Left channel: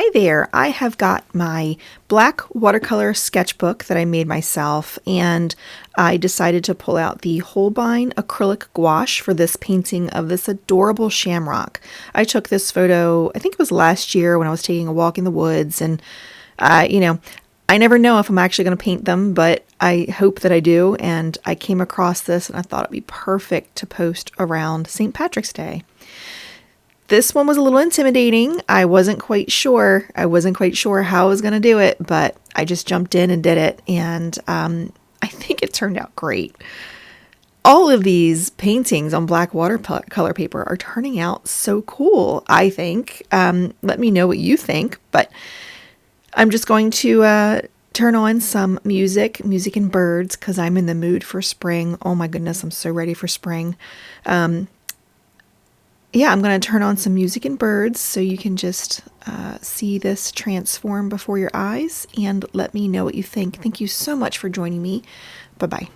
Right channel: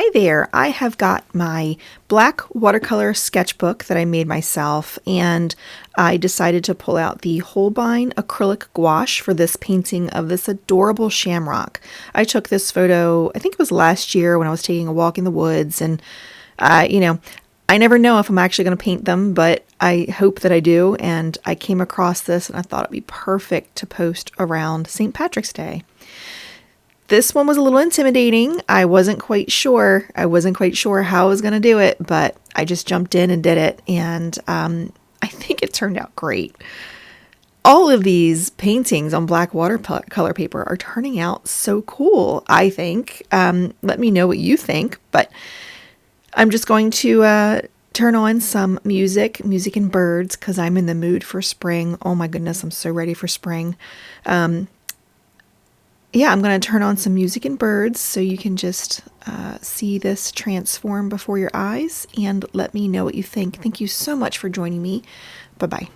Hi there, I have got my black watercolor sketchbook that I made myself, and I decided to pull out the Holbein Acrylic Gouache for this painting of this adorable shamrock. I took this photo, I think it was last year when I was taking a walk in the woods, and I never know if I'm actually going to paint them, but I hope that I do, and I came across this and I thought it'd be perfect to post around St. Patrick's Day. This one was a little intimidating. I wasn't quite sure how I was going to do it, but I just jumped in and did it, and I think it turned out great. All of these paintings on black watercolor paper are turning out so cool, I think. Let me know what you think, but I'm just going to turn on some music and birds, because I'm in the mood for spring. Oh my goodness, I'm so ready for spring. I'm going to turn on some music and birds so you can just see this transform before your eyes, and let me know what you think. Thank you so much for joining me. Bye-bye.